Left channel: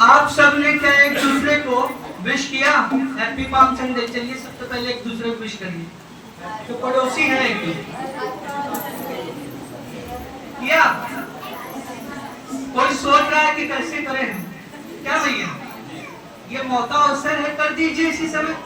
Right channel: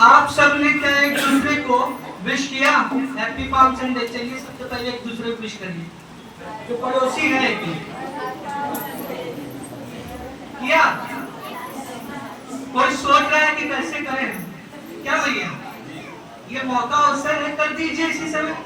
आप सबने क्या एक दूसरे को विश किया? Happy palm Sunday. चलिए सबसे पहले एक दूसरे को विश करिए। जो पड़ोसी है किया? कोई सोच रहा है कि कैसे करें? क्या भैया, ये मौका अवसर है, कर दीजिए इसी समय।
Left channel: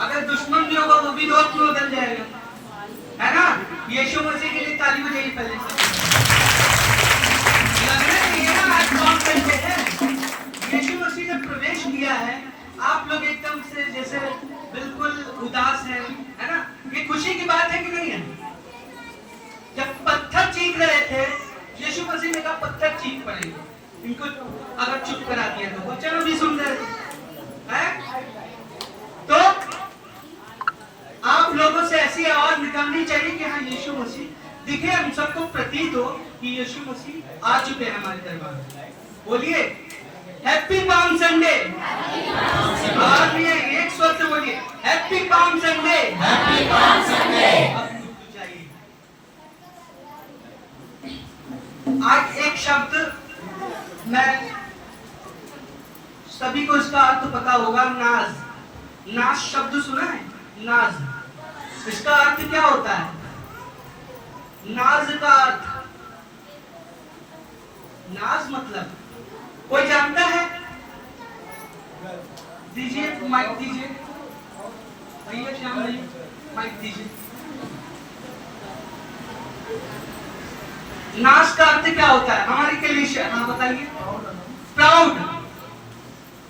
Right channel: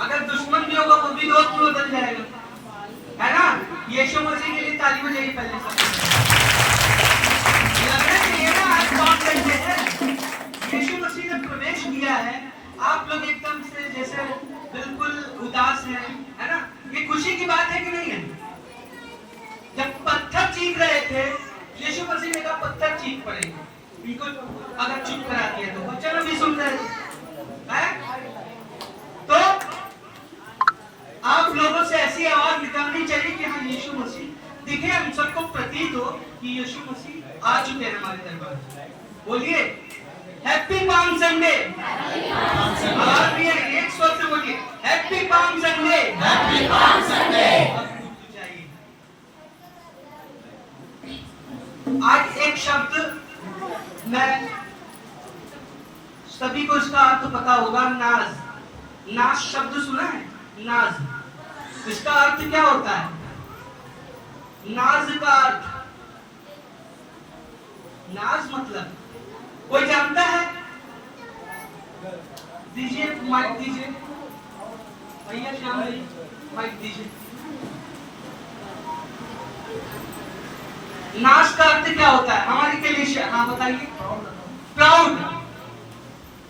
अगर दुश्मन भी होगा वो भी दोस्त में बदल जाएगा, है ना? यीशु मसीह के लिए ताली बजाइए पहले। यीशु मसीह ने प्रवेश किया है, आप लोग एकदम से जैसे बिल्कुल उदास है ना? ये खुशी की बात है कि नहीं है? जब पत्थर चीख रहे थे, यीशु मसीह ने कहा पत्थर चीख पड़ेगा, इनको अगर चुप करा दिया तो बच्चे भी सुन रहे हैं। तो आप लोगों से ऐसी आवाज निकालनी चाहिए कि हाँ यीशु मसीह दिखे, हम सबको प्रतीत हो कि यीशु मसीह आ चुके हैं हमारे दरबार में। बोलिए हैप्पी पाम संडे। और ये एक स्वर से बोलिए happy palm Sunday. Happy palm Sunday. आज एक शब्द मैं सभी को इसका अर्थ पता होगा, नाज। नाज शब्द सुना है? नाज, इसका अर्थ क्या होता है? नाज का अर्थ, नाज मतलब कोई जानता है? दीजिए माइक दीजिए भैया, श्याम भाई माइक दीजिए। नाज का अर्थ क्या होता है हमारे के लिए? हाँ बताइए। प्राउड।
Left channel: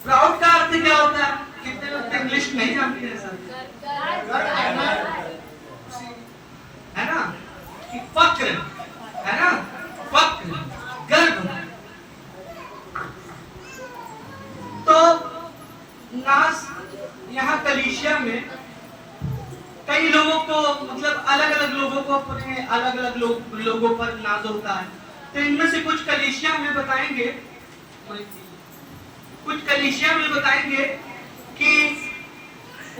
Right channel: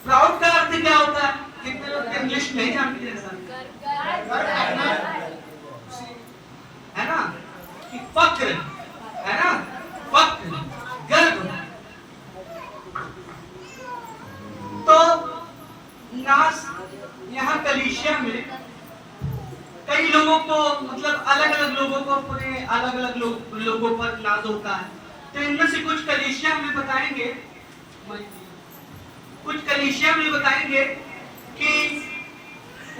प्राउड का अर्थ क्या होता है? कितने लोग इंग्लिश नहीं जानते हैं सर? है ना कि फक्र, है ना? फक्र, गर्व। तो नाज यहाँ कलीसिया में कई लोगों को, मतलब अलग अलग लोगों को अपने अलग अलग लोगों पर नाज होता है। तो इनमें से कुछ कलीसिया में बताएंगे, कुछ कलीसिया में बताएंगे कि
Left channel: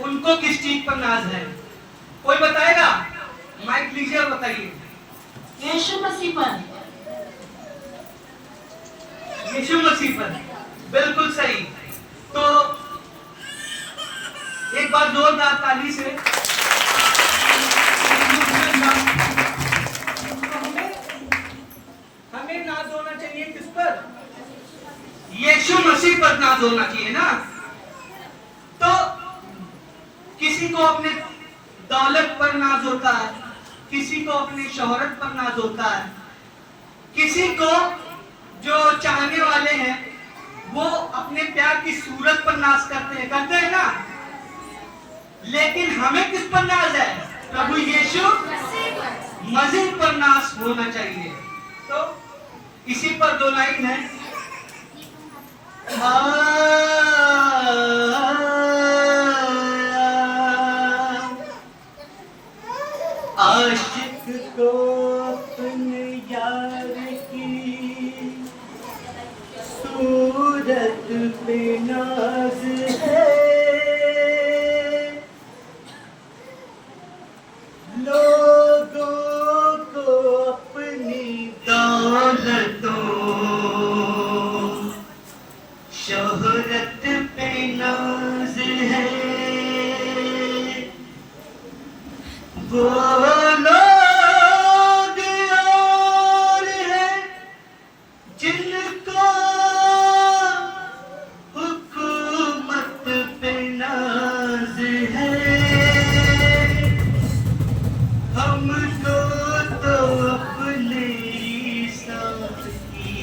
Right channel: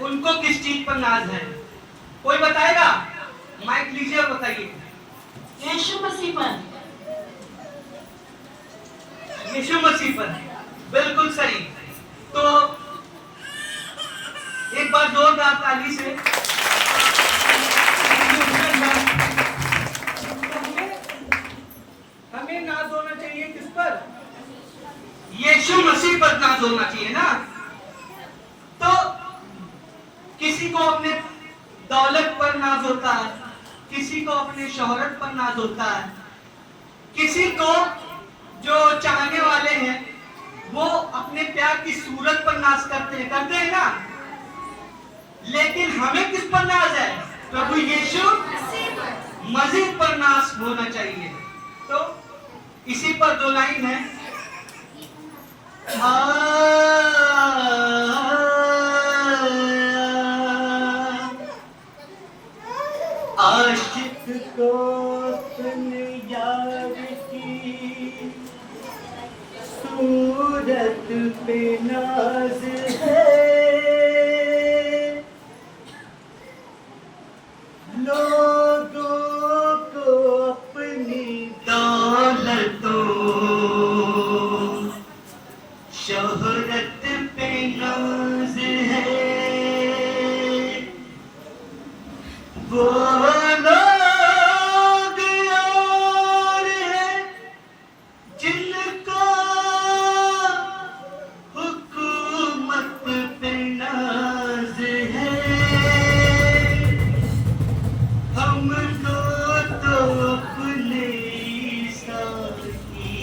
उनको किस चीज पर नाज है। कोई बताएगा? माइक लीजिए और बताइए। यीशु मसीह पर। यीशु मसीह पर, बिल्कुल सही। तो एक बार जोरदार ताली से हमें नाज होना चाहिए किस पर? यीशु मसीह पर नाज होना चाहिए ना? तो किसी को अपने दौलत पर नाज होता है, किसी को अपने शोहरत पर नाज होता है, किसी को जो चाहने वाले हैं वो अपने प्यार की सूरत पर नाज करते हैं ना? लेकिन हमें किस पर नाज है? प्रभु यीशु मसीह पर नाज होना चाहिए। तो इसी पर दो लाइन है। आशिक को अपने यार की सूरत पे नाज है, लोगों को अपनी दौलतों शोहरत पे नाज है। वो लोग और हैं जिनको हुकूमत पे नाज है, हमको तो अपने साथी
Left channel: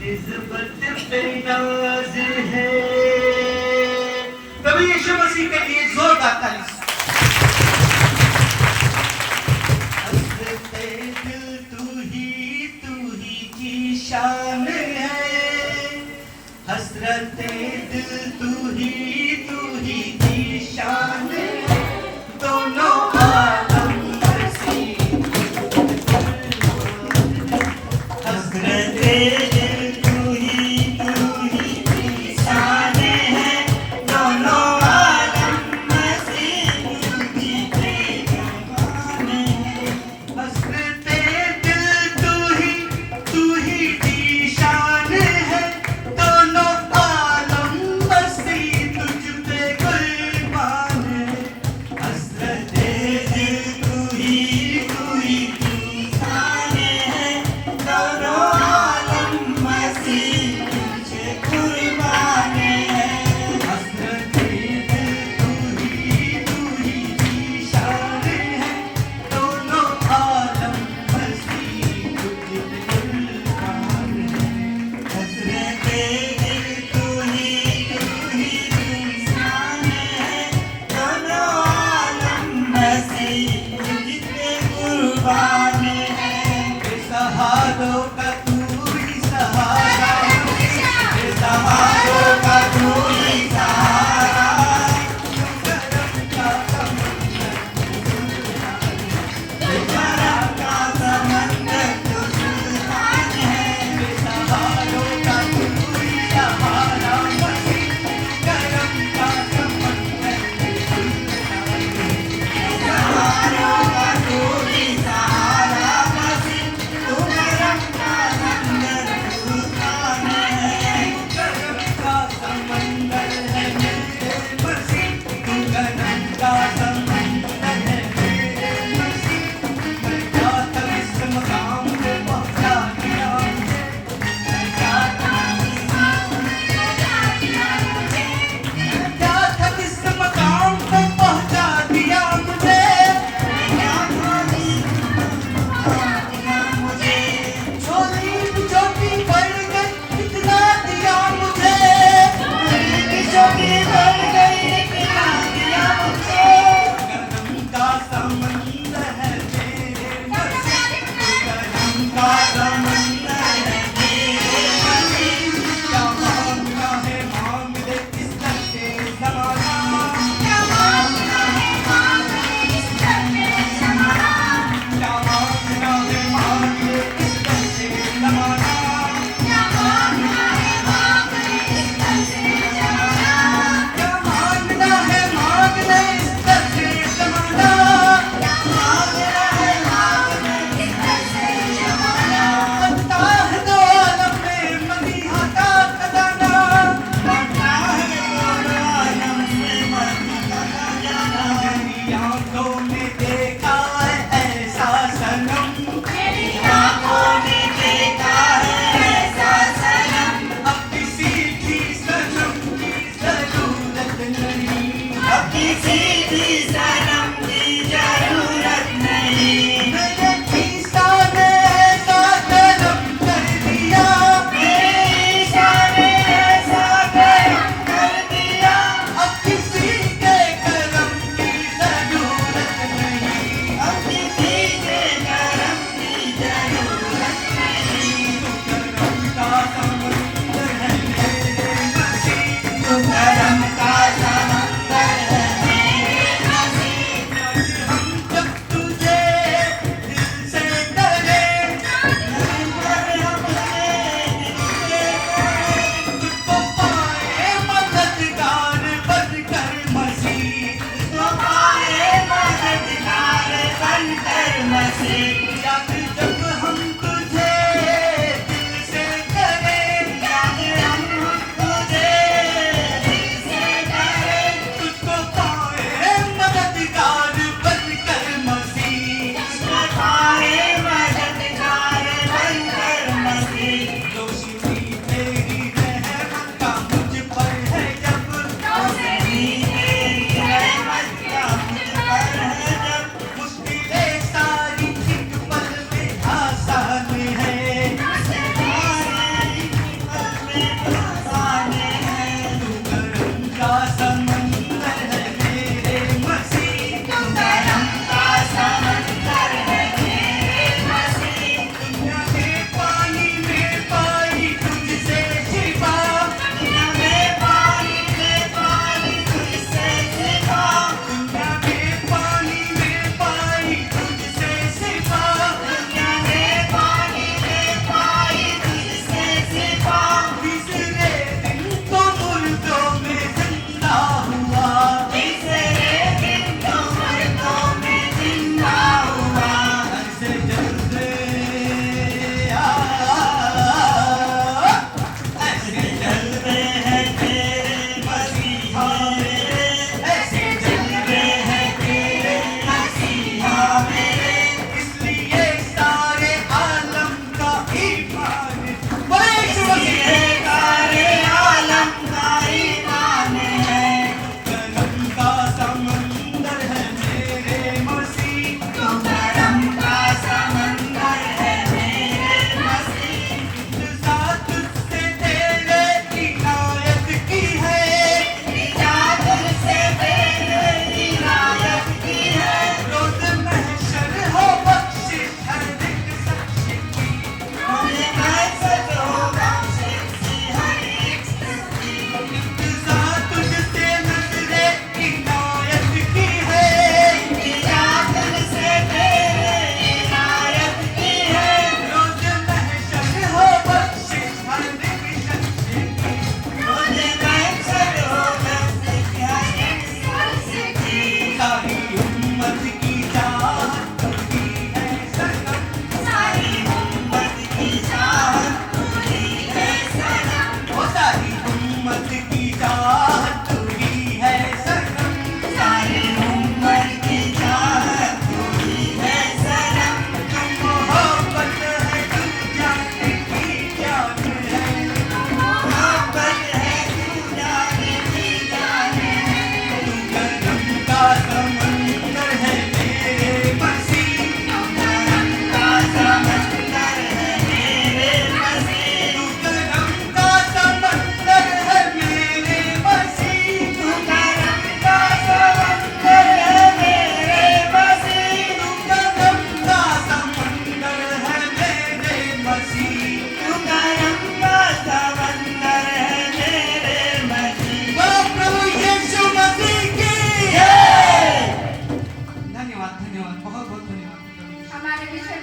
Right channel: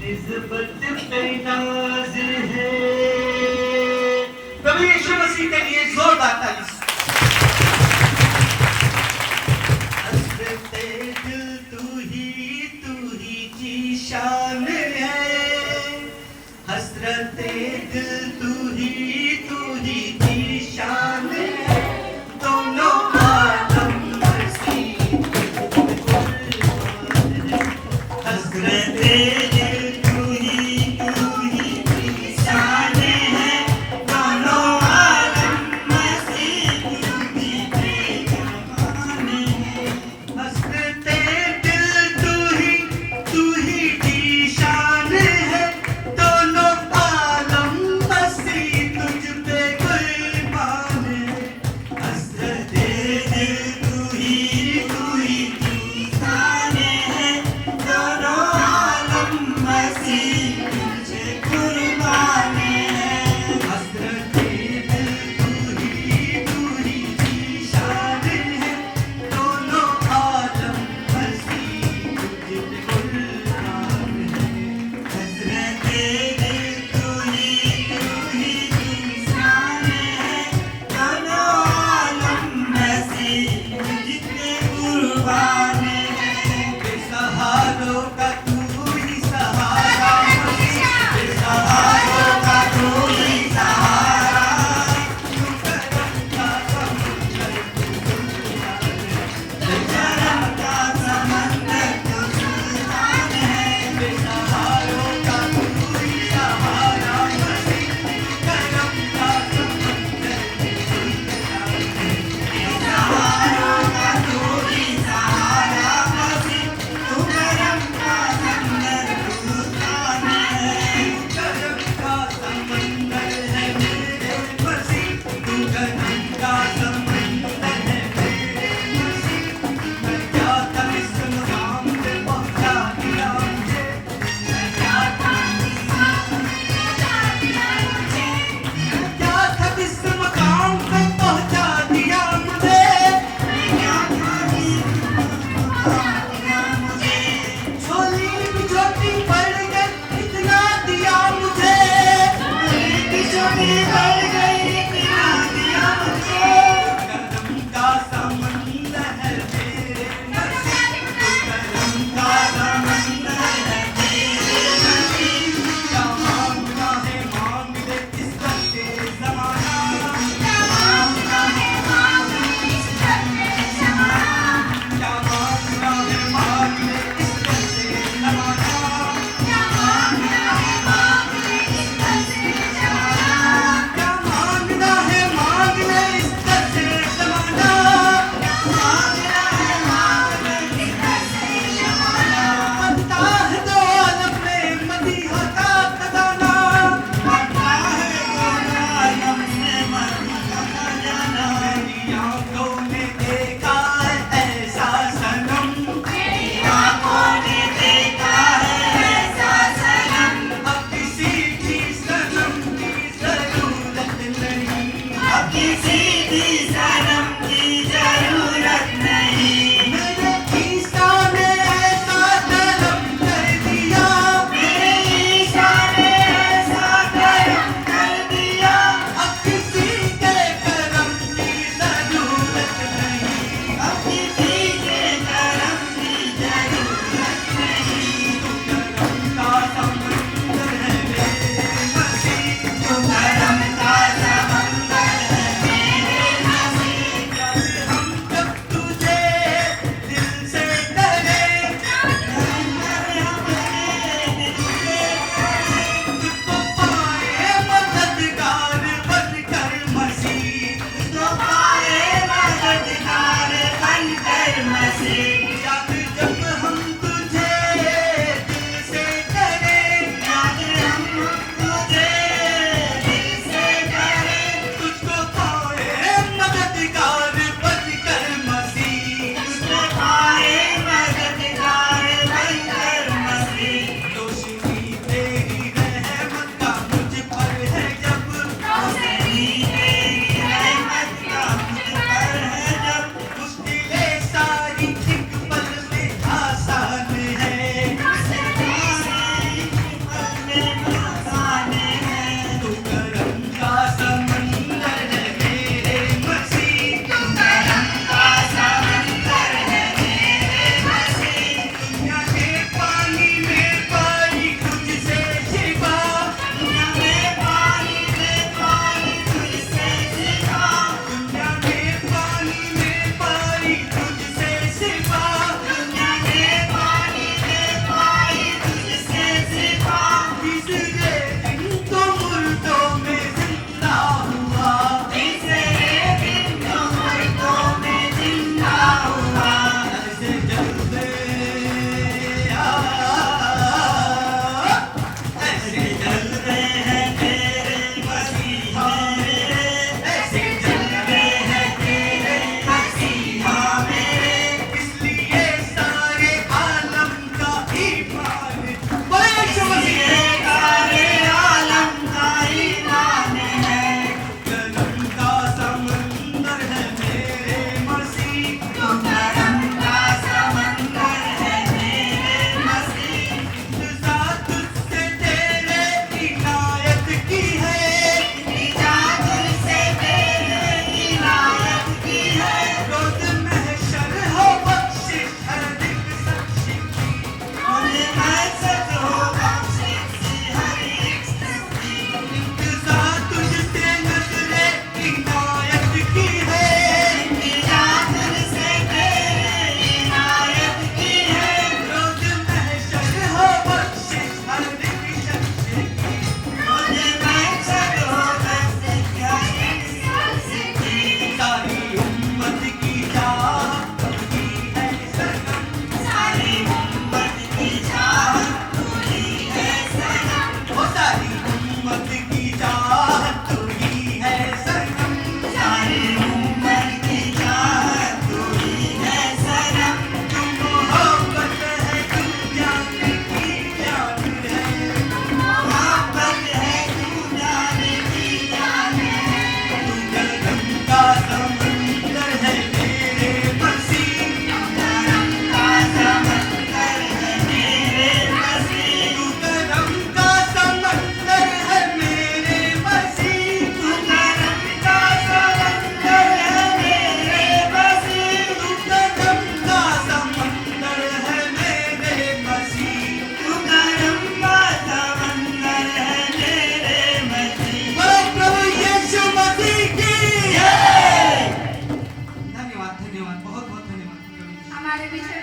निस्बत पे नाज है। प्रभु यीशु मसीह के लिए जोरदार ताली। हसरते दिल तू ही की शान है, हसरते दिल तू ही की शान है, दोनों आलम मसीह हसरते तू ही की शान हाँ